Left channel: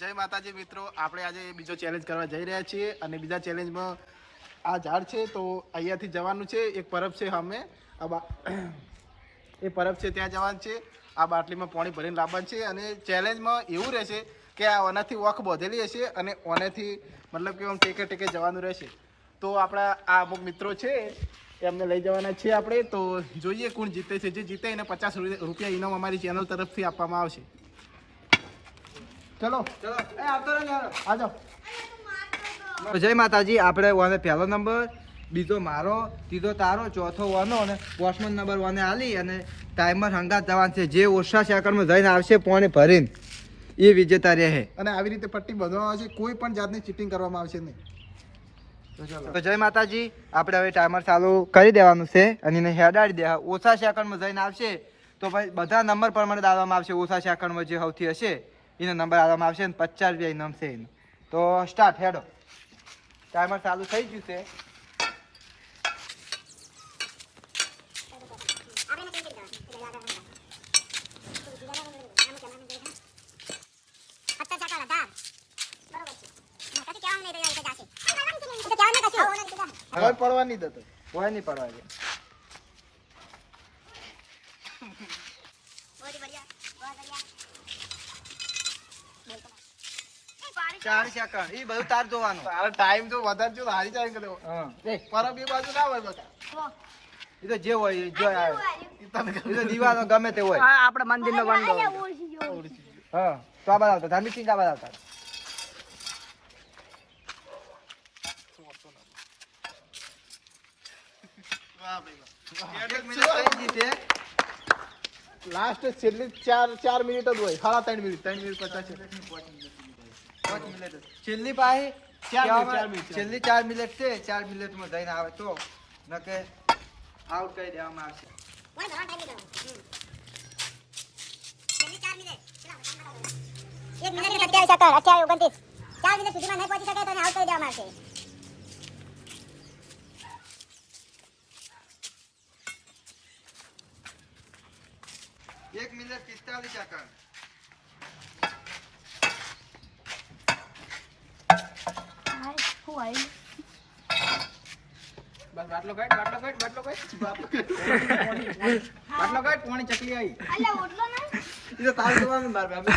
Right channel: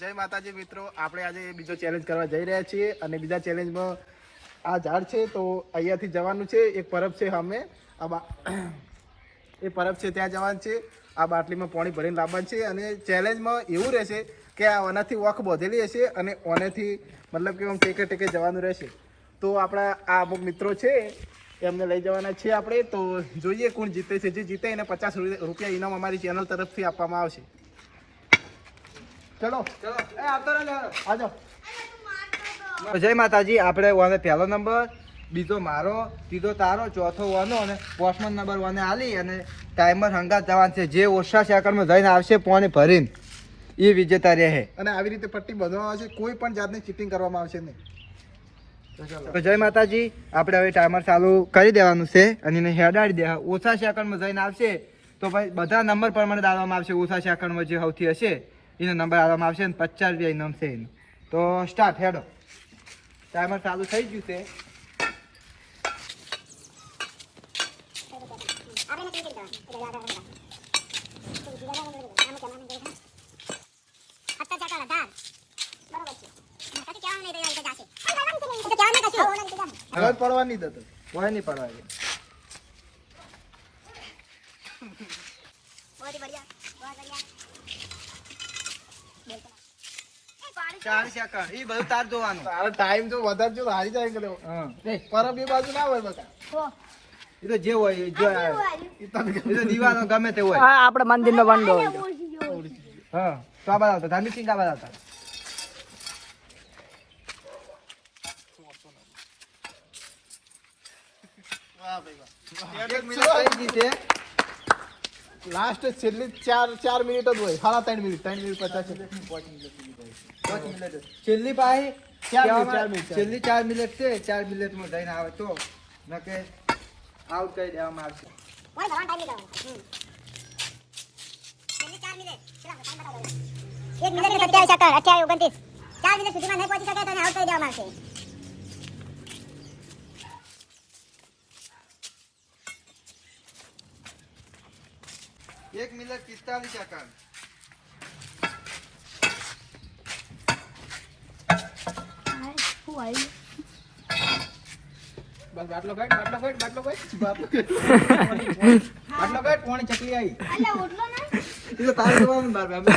જય માતાજી મિત્રો. આપણે આજે બીજો ચેલેન્જ કરવા જઈ રહ્યા છીએ અને બીજા ચેલેન્જમાં આ ઝાડ છે તો અહીંયાથી જવાનું છે. એક પરબ છે અમે એ પરબ છે ત્યાં જવાનું છે. આ બાટલીમાં પાણી ભરીને લાવવાનું છે અને ચેલેન્જમાં એવું રહેશે કે આ ઓનાથી વખ બોધેલી હશે અને ઓનેથી મતલબ કે આમ ટેકે ટેકે જવાનું રહેશે. તો આપણા આ અમુક મિત્રો છે, એમને લઈ જવાના છે આપણે. તો જોઈએ કોણ જીતે છે. જે જીતે એને પચાસ રૂપિયા ઇનામ અમારી ચેનલ તરફથી આપવામાં આવશે. ચલો. ચલો. એ આવતો આજો જય માતાજી આપણે વાને પહેલો નંબર બીજો મારો ત્રીજો તારો ચોથો વાનો અને પાંચમો નંબર વાને આલી અને ટાઈમર હંગાત જવાનું છે. જે ઓછા સેકન્ડમાં જઈને આવશે પોણે ભરીને. એ વિજેતા રહે. અને આવી રીતે પટ્ટી બધવામાં આવશે કોઈ પણ જાતની ચીટિંગ કરવામાં આવશે નહીં. તો ચલો. તો જય માતાજી આપણે હવે ટાઈમર ચાલુ કરી દેવાનું છે અને એને હેડાડી દે ઓછા સેકન્ડમાં જઈને આવશે તો ભાઈ બધા નંબર પ્રમાણે દાવામાં આવશે ઓછા સેકન્ડમાં જે સૌથી હશે. એને નંબર આવવામાં આવશે ને પચાસ રૂપિયા ઇનામ છે એનું. તો સ્ટાર્ટ હેડો. ટાઈમર ચાલુ થઈ ગયું છે. હવે પડવા નહીં દેતો કોઈ નહીં પડવા દે. ચાર એ બધું તાર જોવાનું. તારો ટાઈમ તો વધારે જો હારી જાય કે હા. પરબ બાજુ ના હોય બકા. એ તો જે હોય એ એ તો દીવાનો ગમે તે હોય. હા આપણે મંદિર નો બંધ હોય હા તો આ બધા ધાર્મિક સિંહ આ બધા આવતા. વાહ ભાઈ વાહ એક મિનિટ થઈ ગઈ છે. લાસ્ટ છેલ્લી ચાર ચાર મિનિટ જ હોય. હા ત્રણ મિનિટ ત્રણ મિનિટ પચાસ પાંચ મિનિટ છેલ્લી પાસે ચાર મિનિટ, કહેવામાં- ચાર મિનિટ, ચાર છેલ્લી ચાર મિનિટ છે ચાર મિનિટમાં જઈને આવે તો નકે આઉટ કરી દેવામાં આવશે એક મિનિટ ને સત્યાવીસ સેકન્ડ અઠ્યાવીસ ઓગણત્રીસ ચાર મિનિટ સુધીમાં નહીં પહોંચી શકે તો એને આઉટ કરી દેવામાં આવશે એક મિનિટ પિસ્તાલીસ સેકન્ડ બસ બાટલો કાઢ બાટલો કાઢ બાટલો કાઢ. બાટલો કાઢ પાણી ચકી આવી એ તો તારે જવાનું મારે અમે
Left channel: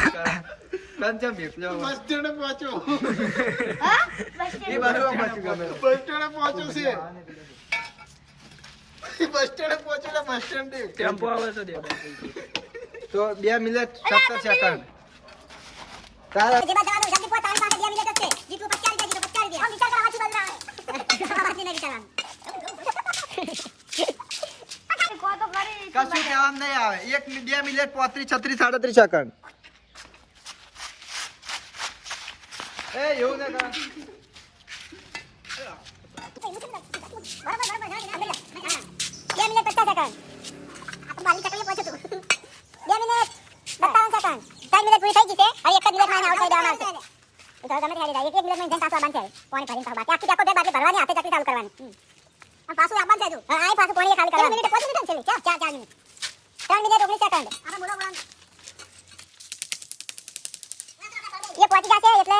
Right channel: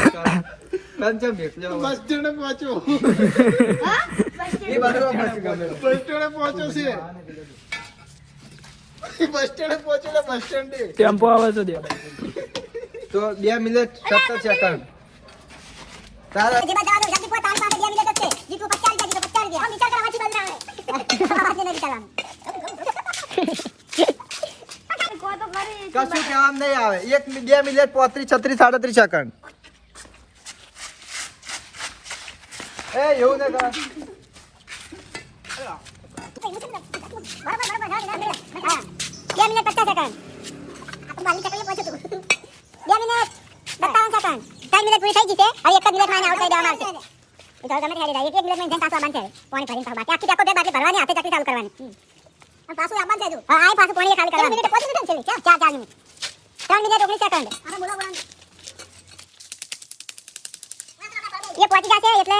પંચમ ભેસ બસ સ્ટેન્ડે પહોંચો બસ સ્ટેન્ડે. પહોંચો છે. બસ સ્ટેન્ડે પહોંચો એટલે બસ સ્ટેન્ડે ટેમ્પો આવે છે તો બે મિનિટ સત્તર સેકન્ડ. તારા જેમાં જવા જલ્દી પહોંચ પાસે બે મિનિટ જ છે. આમ વિચાર નહીં વિચારવાનું. કશું કહેવામાં નહીં આવે એક મિ- બે મિનિટ પોત્રીસ છત્રીસ સાડત્રીસ સેકન્ડ એ એવું ને તાર. બરાબર બરાબર હા બે મિનિટ પચાસ સેકન્ડ આપણે બાલી ચકલી પહોંચ્યું હતું બે મિનિટ સત્તાવન સેકન્ડ ત્રણ મિનિટ પૂરી થઈ ગઈ છે હવે એક જ મિનિટમાં એને આઉટ કરી દેવામાં આવશે જાઓ ગમે તે ગાડી જાય એક મિનિટમાં જેમ પાછું આવવાનું છે પાણી ભરીને પાછું બાકી આખી આખો બે બાટલી ભરવાની હાથે ચકલી ચાલુ કરવાની હમ. અને પાછું આવવાનું હજુ. હા આ પાછું પાણી ખાલી કરવાનું મિનિટ પાંચ મિનિટ છે ચાર ચાર ચાર મિનિટ. ત્રણ મિનિટ ઓગણીસ સેકન્ડ. આપણે બોલો બોલો એ પહોંચી જશે એટલે?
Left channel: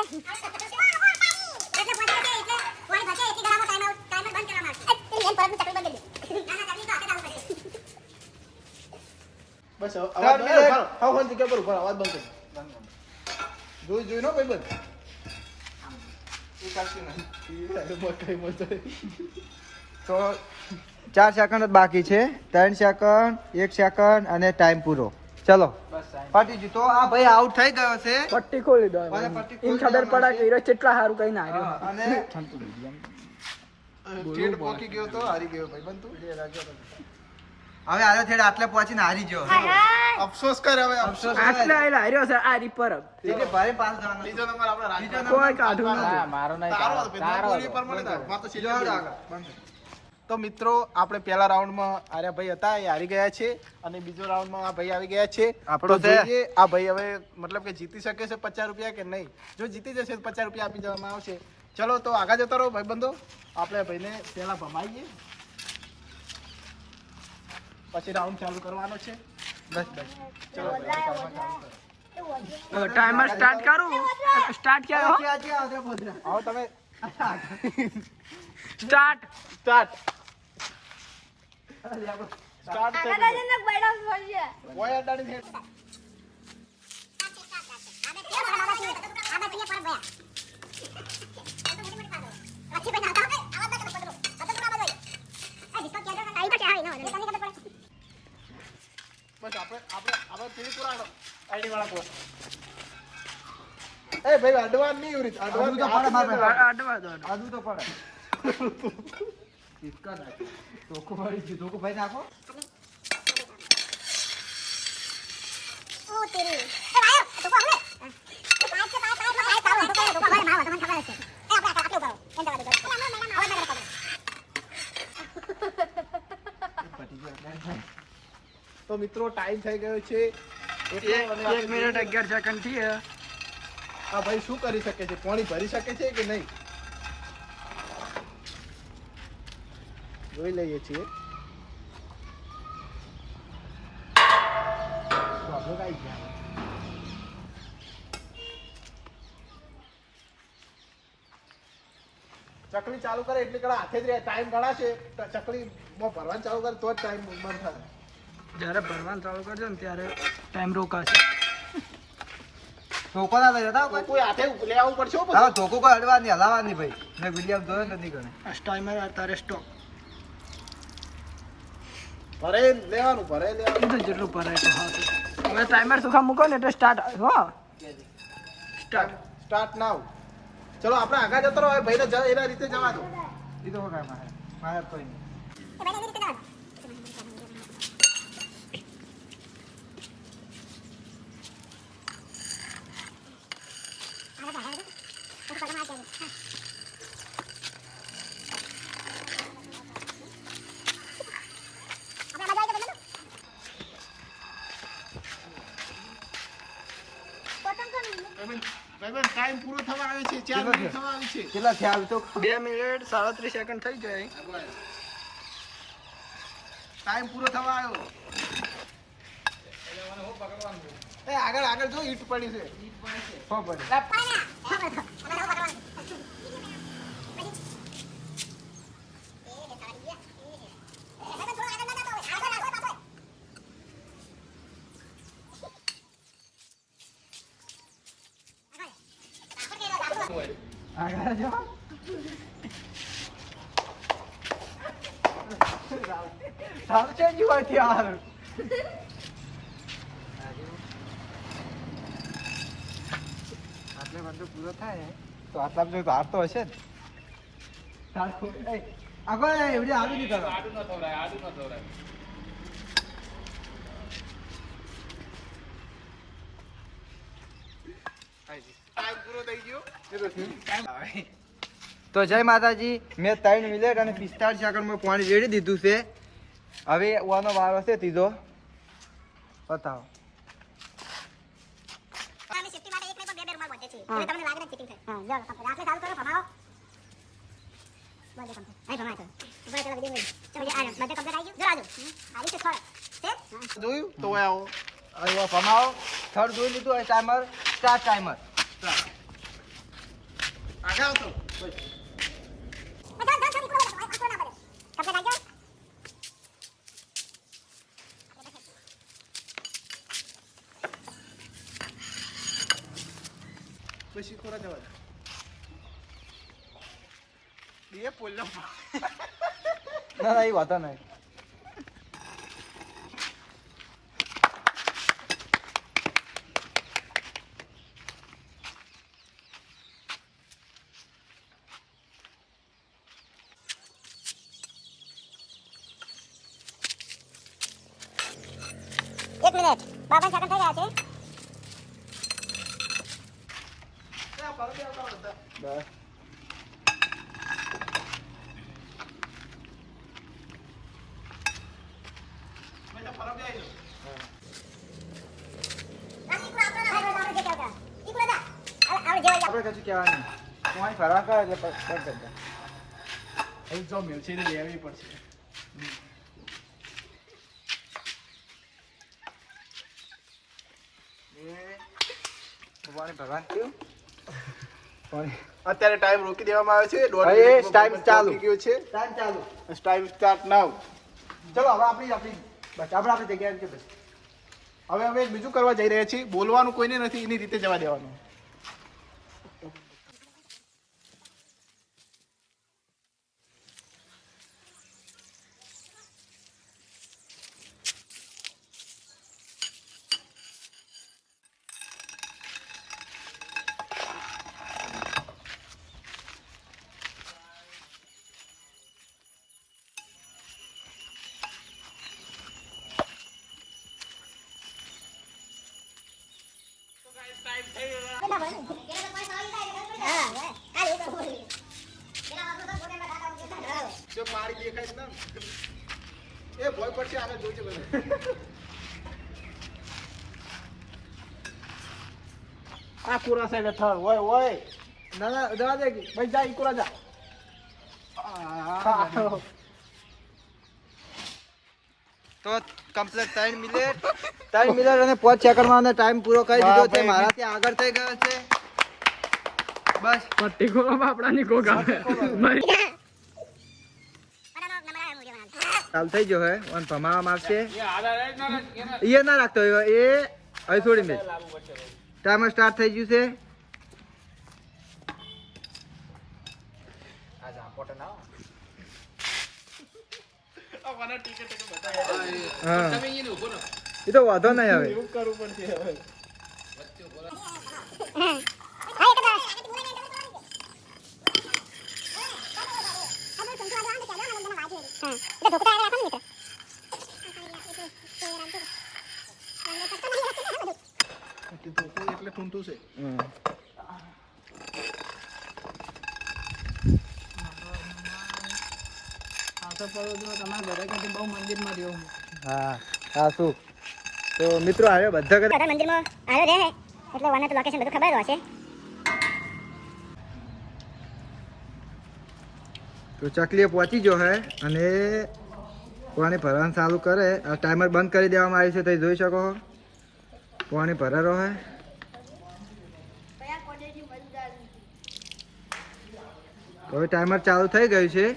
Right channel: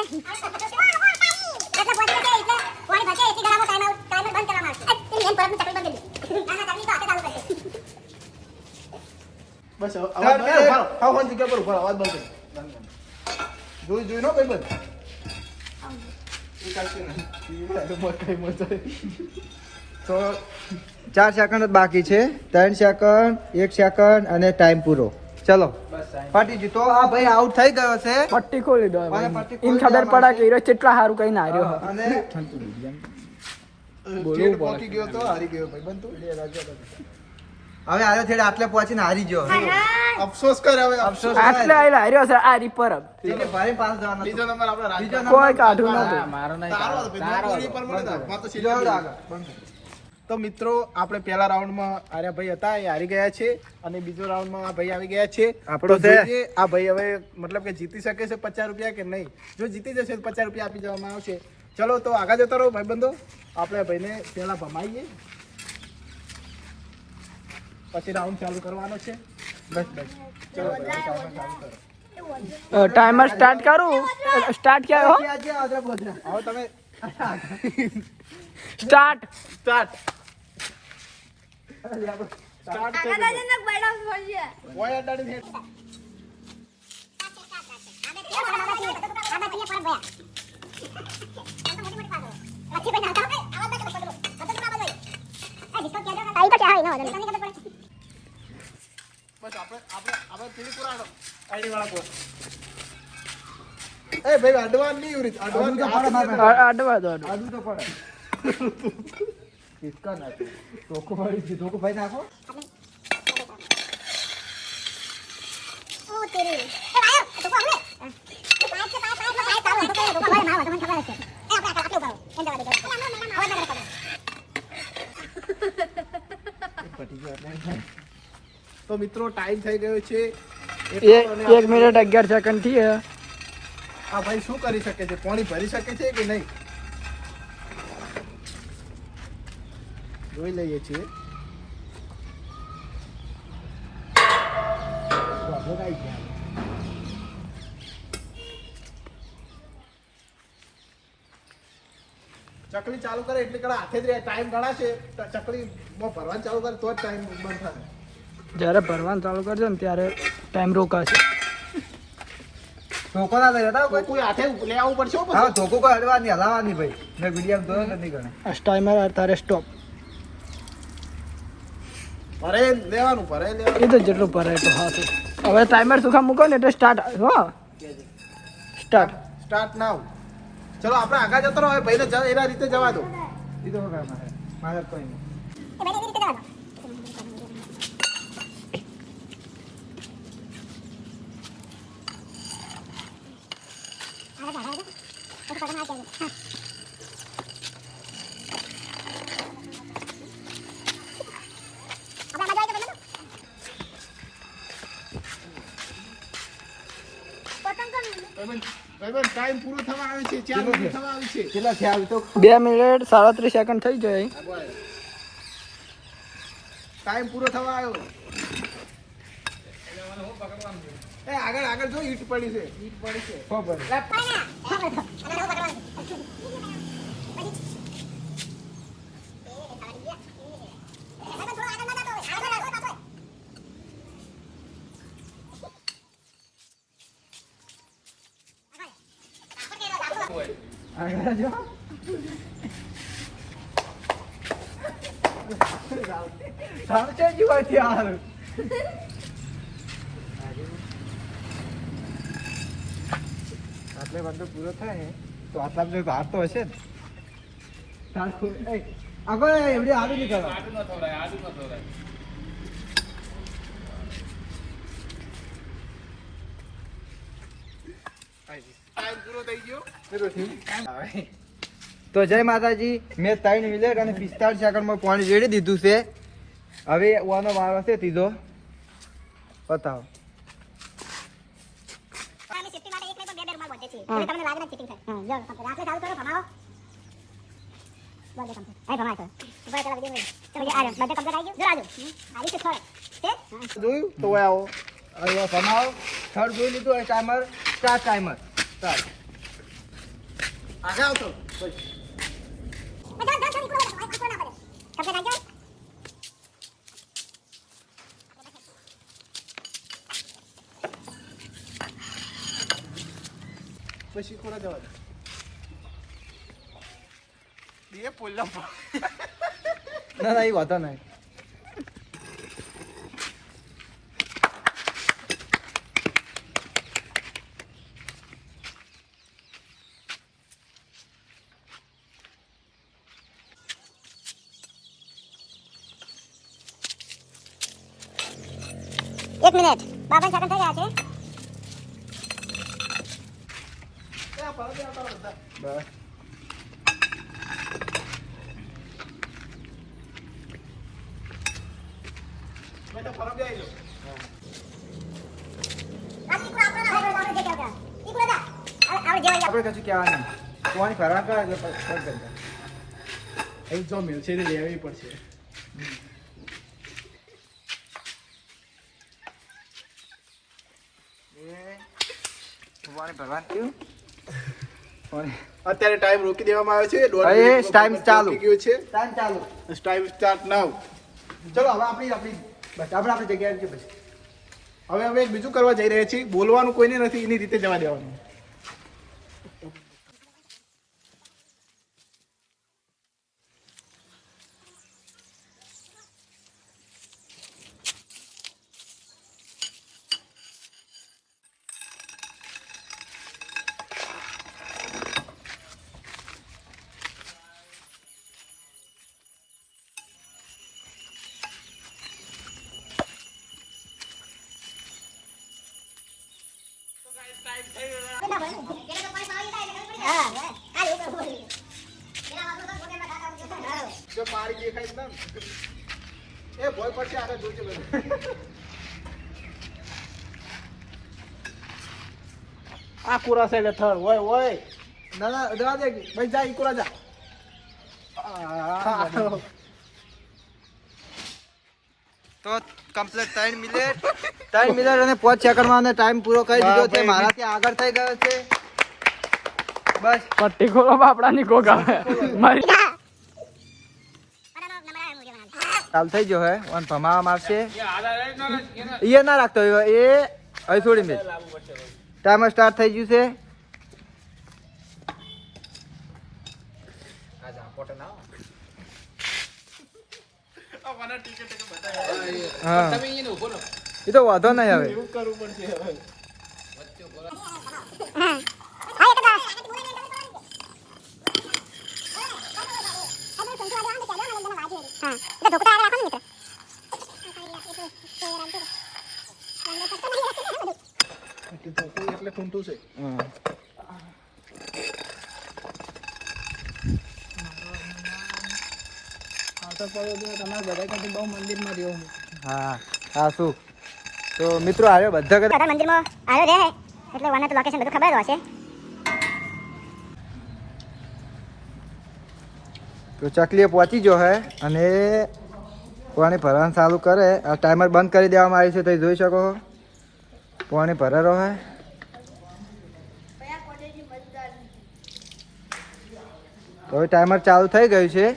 એટલે પહોંચી જશે એટલે પાણી ભરશે એટલી ગળામાં ટાઈમ આઉટ ટાઈમર બંધ કરવામાં આવશે એમ પરત ચકલી બંધ કરી ના ના ચકલી તો હાથે ચાલુ કરશે. બસ અવાજ મિનિટ. ના, હાવ હાવ જગ્યા પર ઊભા અવાજ બંધ કરો. જોઈ જોઈ નો ભાઈ બંધ. તો ચાર સેકન્ડ જ બાકી છે. ત્રણ સેકન્ડ એક સેકન્ડ અને ટાઈમ પૂરો. ચલો. પાટીજી તો આ ભાઈ આઉટ થઈ ગયો છે. પટ્ટી ખોલી દો ખોલી ખબર પડા કે હીરો કેટલા સારું કઈ ના રહ્યો. અને ઠેઠ પોકી ગયો તો હારી ગયો ભાઈ બંધ. તું હવે આયો છેડે આટલે પહોંચીને હારી ગયો. અફસોસ કર હવે અફસોસ આટલે આયલા હાર્યો છે. આ રીપર એટલે ભાઈ પાસે જવાનો બીજો નંબર આપણે રાજભાઈ બીજો કોઈ મારો નહીં તારો હતો પર મળે તાર. મારો તો સીધો આગળ, આગળ. બંધ. તો મિત્રો આપણે પહેલા રાઉન્ડમાં આર્યા ભાઈ હતા એ હારી ગયા છે અને બીજો રાઉન્ડમાં આ ભાઈ આવી ગયા છે. આપણો છે. આ ભાઈ હવે મતલબ કે જીતી શકે છે પચાસ રૂપિયા કે નહીં? જો જીતી જશે તો પચાસ રૂપિયા આપી દેવામાં આવશે. ચલો તો આગળ જતા રહો ભાઈબંધો. આપણે ભાઈને પહેલા ભમાઈએ. પછી રાઉન્ડ ચાલુ કરવાનો છે. બસ બસ. ચલો ભાઈ ચાલુ ચાલુ કરો. ટાઈમર સ્ટાર્ટ કરું? સ્ટાર્ટ ક્યાં હો? તમે સ્ટાર્ટ સ્ટાર્ટ સ્ટાર્ટ થઈ ગયું. ઓય અડાડી હેડ. બસ આપણે આપણે આપણે પેલી કરાડો આઈડી વાળા કો એ ભાઈ અડવાન નહીં ઉરી અડવું દો અડવા. તો પડે કિસકા નાખો ધોકો પડી ધોકો ભાઈ નાખો તો મિત્રો ટાઈમ થઈ ગયો છે. એક મિનિટ અગિયાર સેકન્ડથી હે. આ ભાઈ શું કરી શકે છે? પાણી ભરી શકે છે કે નહીં? જોઈ લઈએ છીએ. ચકલી ચાલુ કરે એટલે કડા હાથે જ રહે. ટાઈમ ગણાશે ચકલી ભરવાનું ચાલુ કરે તો જ ટાઈમ બંધ થશે જ્યારે ભરવાનું ચાલુ કરજો ને ત્યારે ટાઈમ રોકાશે. ધોકો ના થઈ જતા કોઈ કોઈ હાથે લેવું પડશે ધોકો કોઈ પછી. ધોકો કોઈ નહીં ભાઈ. મેં વીડિયો જોયો નથી ગણે આ ટાઈમર તારે સ્ટોપ ભરે લેવાનું ભરે લેવાનું એ તો જેટલું ભરાય હાથું હવે ટાઈમર સુખા મૂકો ને એટલે સ્ટાર્ટ હો. સ્ટાર્ટ સ્ટાર્ટ નાવ ચલો આપણે આગળ જતો રહો હવે ભાઈને એના રીતે જવા દો. એ તો વગર મારે કોઈ નહીં. ટાઈમ પૂરો થવા આવે છે ચાર મિનિટ? થવા આવી છે. કેટલા થયા તો? બે મિનિટ સાડત્રીસ સેકન્ડ થઈ જાય ટાઈમ પૂરો થવા આવ્યો. એ આગળ આગળ જો ઈટ પડી છે. ઈટ પડી? છે ખબર આગળ જો સાવચેત જીવાય ત્યાં આટલે બધો પૂરો થાય ને તો આટલા બધો બહાર તો હશે ને આગળ એવડી આવી નહીં કરવા ટાઈમ પૂરો થઈ ગયો. તો જય માતાજી મેં ત્રણ મિનિટ અને પિસ્તાળીસ સેકન્ડમાં પાણી રેડી દીધું છે. હવે ઓનો વારો છે ત્રીજો. બતાવો. જોયું? તો આવો. ભમાવો. થર્ડ જોઈ લીધું ટાઈમર સ્ટાર્ટ ટાઈમર આગળ આવતો પછી કોને જવા દે પોલ્લા ના ના એ વાંધો નહીં એક મિનિટ. બાબા સેકન્ડ થઈ ગયા છે. બેટા ફરક જાય જે આપણે કશું કહેવાનું નહીં પાણી ફરવા કરે છે કરતા. એ જો મિલશે લેવી પડશે એ અત્યારે ટાઈમ રોકી દેવામાં આવે છે. દોઢ હવે મિનિટનો ચાલુ. ગયો છે. ટાઈમ ચાલુ. ટાઈમ સ્ટાર્ટ નાઉ ચલો હવે આપણી આપણી બસ આપણે આપણી જગ્યાએ છે બસ. હવે અમે બીજું કરવા જઈ રહ્યા છીએ. બોલવાનું કોઈને નથી એની રીતે જવા દેવાનું. એ ભોય પડશે આગળ જોઈજો બધું. આ કુરા છે થર ઓય ઓય. ના ના દે ભાઈ જા ઈકોલા જા. તો કમ્પ્લીટ ત્રણ મિનિટ ત્રણ મિનિટ અને પાંચ સેકન્ડમાં ટાઈમ પૂરો કરી દીધો છે. મારાથી આગળ થઈ ગયો છે. બસ. પટ્ટી ખોલો બાપડાની આવે મારી ચાલુ થઈ ગયો હે વન ભમાવામાં આવશે. એ ના રાખતો એ હવે છોડી દે. ટાઈમર સ્ટાર્ટ થઈ ગયું છે. એ તો વાંધો નહીં હવે હા એ તો બસ હા એટલે ઢોકળા આગળ રાખો ને મિત્ર છે. બધા ક્યાંથી બહુ મંદિરમાં રહ્યો હા હા શું? તો મિત્રો આવ્યો બધા કદાચ બધા મંદિરમાં આવ્યો રહે એટલે વના તો લોકેશન બધું ખબર હશે. તો ચકલીએ પહોંચી ગયો હે અને પાણી ભરવાનું ચાલુ કરે. આ ટાઈમર બંધ કરી દેવામાં આવ્યું છે તો જોઈ શકો પાણી ભરેલો હે. હવે ટાઈમર ચાલુ થઈ ગયું છે.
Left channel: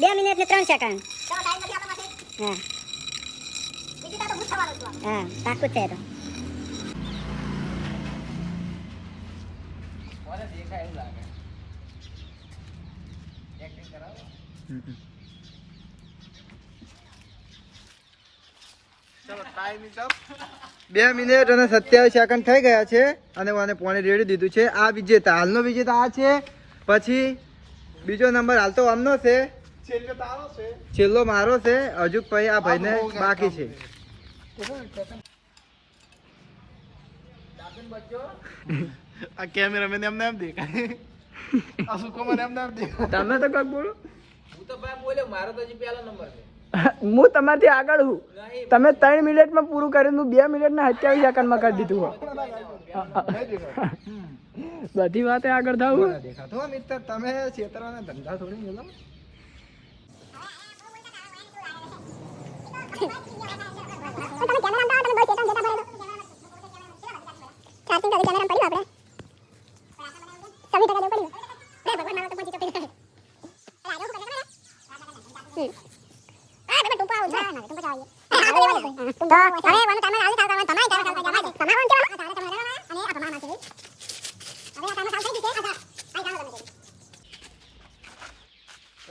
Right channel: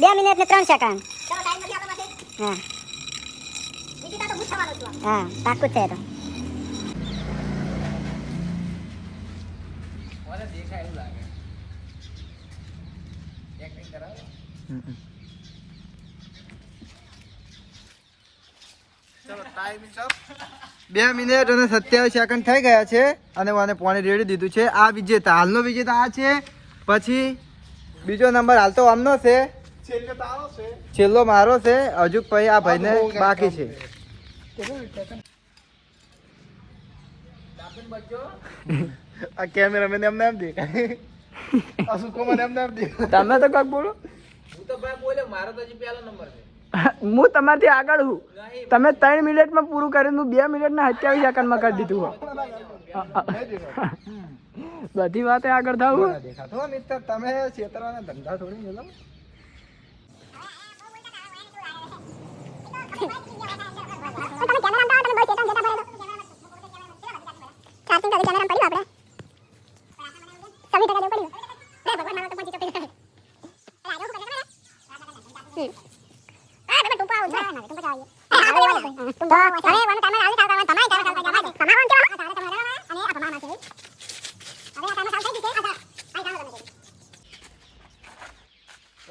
બે મિનિટ ને ત્રણ સેકન્ડ. હા. હા પાકું છે તો. બે મિનિટ અને સત્યાવીસ સેકન્ડ થઈ ગયા છે અને મને પાણી રેડી દીધું છે. આ વિજેતા હાલનો વિજેતા આ છે. પછી બીજો નંબર હાલ તો આમનો છે. છેલ્લો છે. મારો છે. હજુ ભાઈ આ ભાઈને બાકી છે. આ કેમેરામેન એમને એમ દેખાય. આ સુકો મને એમને એમ દેખાય. તમે તો કાક બોલો. હું તમારથી આગળ છું તમે ત્રણ મિનિટમાં પૂરું કરી હું બે મિનિટના સત્યાવીસ સેકન્ડમાં કરી દીધું બધી વાતે આગળ થાવ. દેખાતો મિત્ર તમે છેતરવાના ધંધા થોડી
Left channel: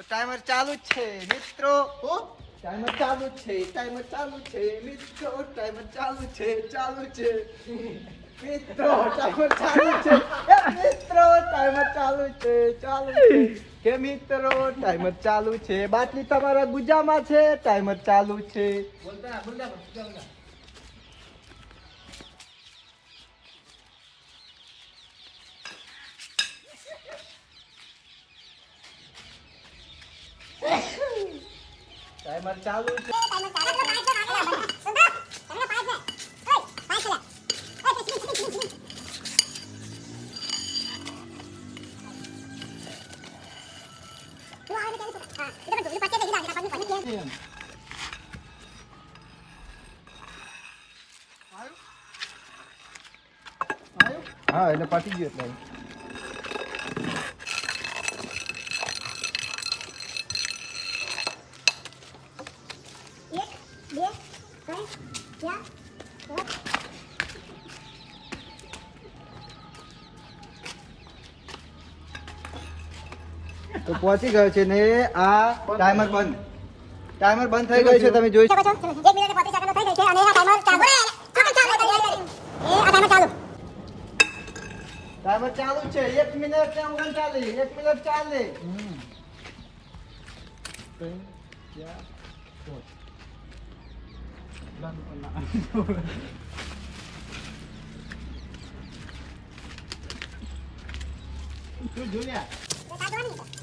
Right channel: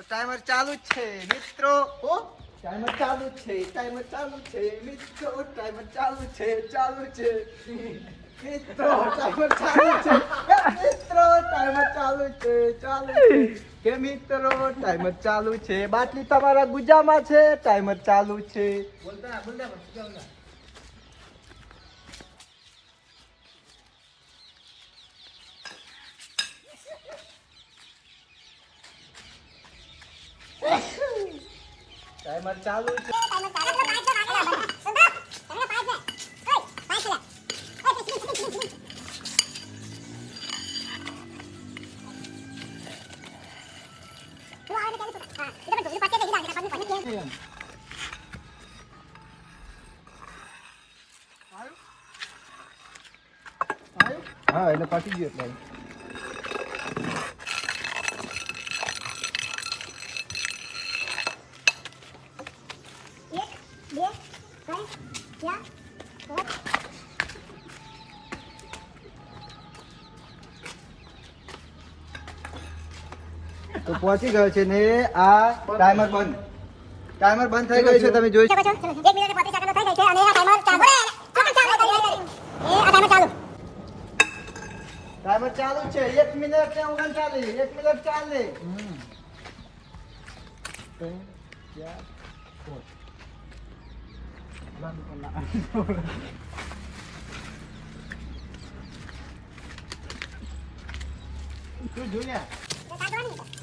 ટાઈમર ચાલુ જ છે મિત્રો ઓ ટાઈમર ચાલુ છે ટાઈમર ચાલુ છે મિત્રો ટાઈમ ચાલુ છે ચાલુ છે. મિત્રો ચાલુ છે. ચાલુ છે ચાલુ છે. કે મિત્રો ટાઈમ ચાલુ છે. બાકી તમારા ગુજામાં છે timer ચાલુ છે. Timer ચાલુ છે હા એટલે પતી ગયું એટલે તો પહોંચી ગયો છે ને આ ટાઈમર બંધ ટાઈમર બંધ થઈ ગયું છે તમે જોઈ શકો ટાઈમર ચાલુ છે એક મિનિટ કે ઓગણચાલીસ એક મિનિટ ચાલે એમાં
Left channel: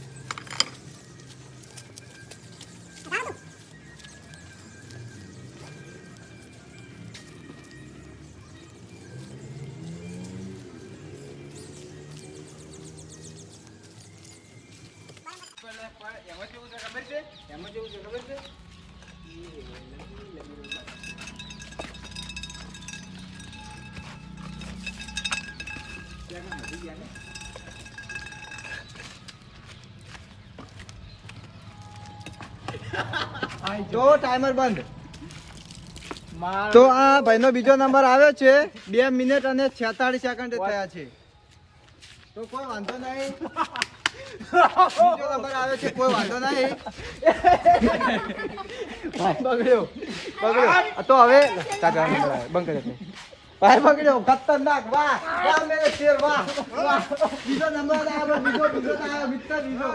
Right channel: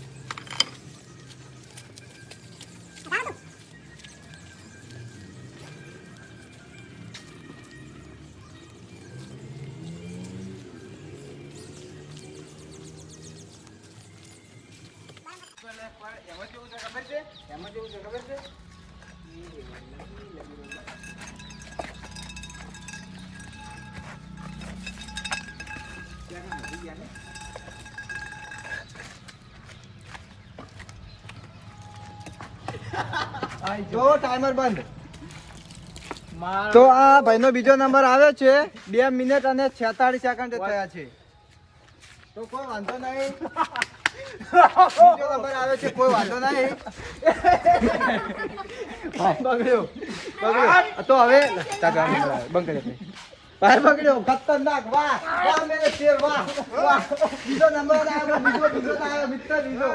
જો ટાઈમર બંધ. તો આ ભાઈનો બીજો નંબર આવ્યો છે. બે મિનિટ અને છેતાળીસ સેકન્ડ થયા છે. તો કોઈ વાંધો નહીં. બીજો નંબર આવ્યો છે કોઈ વાંધો નહીં. તો હવે બંધ કરી. ભાઈ બગડ્યો ખતરનાક. વાહ. વાહ મેરે શેર વાહ. વાહ. બીજો નંબર આવ્યો બીજો બીજો આવ્યો. મિત્ર બીજો.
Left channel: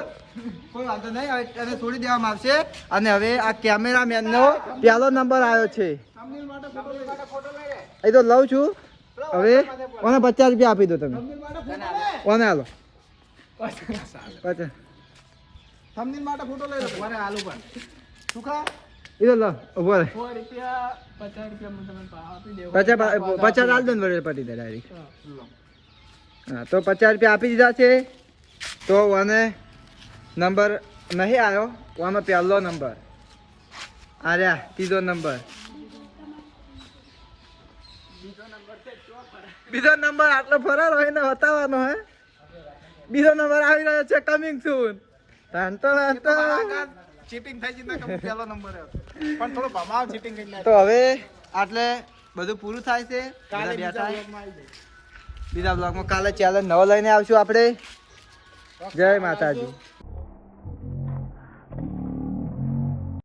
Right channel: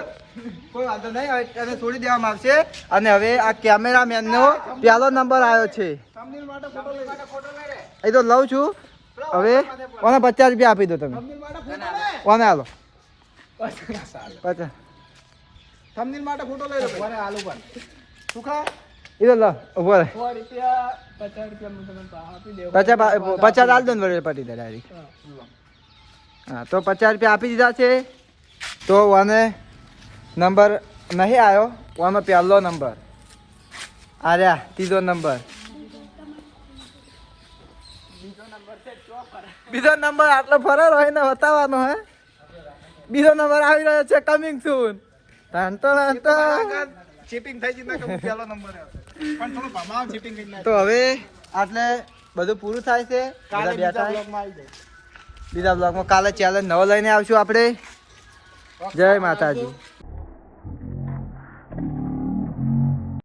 કોઈ વાંધો નહીં હવે એને છોડી દેવામાં આવશે. અને હવે આ કેમેરામેન નો પહેલો નંબર આવ્યો છે. થંબનેલ માટે ફોટો લઈ એ તો લઉં છું. હવે કોને પચાસ રૂપિયા આપી દો તમે? કોને હાલો પચાસ. થંબનેલ માટે ફોટો લઈ લો. કોને હાલો પણ? સુખા? એ તો લો ઊભો રહે. પચાસ પચાસ દો ને પટી દે ડાયરેક્ટ. હા તો પચાસ રૂપિયા આપી દીધા છે. તો વાને નંબર નહીં આવ્યો વાનો પહેલો નંબર. આર્યા ત્રીજો નંબર. બીજો નંબર આટલો ફરાર હોય ને બતાવવાનો હે. બીજો નંબર આવી રહ્યો છે કમિંગ સૂન તન તન. ચીટિંગ થઈ ગઈ ના કે પહેલો નંબર પણ થોડો ભમાવ ચીટિંગ કરીને તો હવે આટલે બધું પૂરું થાય છે. બધા બેઠા બીજા બ્લોગમાં કાલે ચેલેન્જ નવો લઈને આવશું આપણે. જય માતાજી.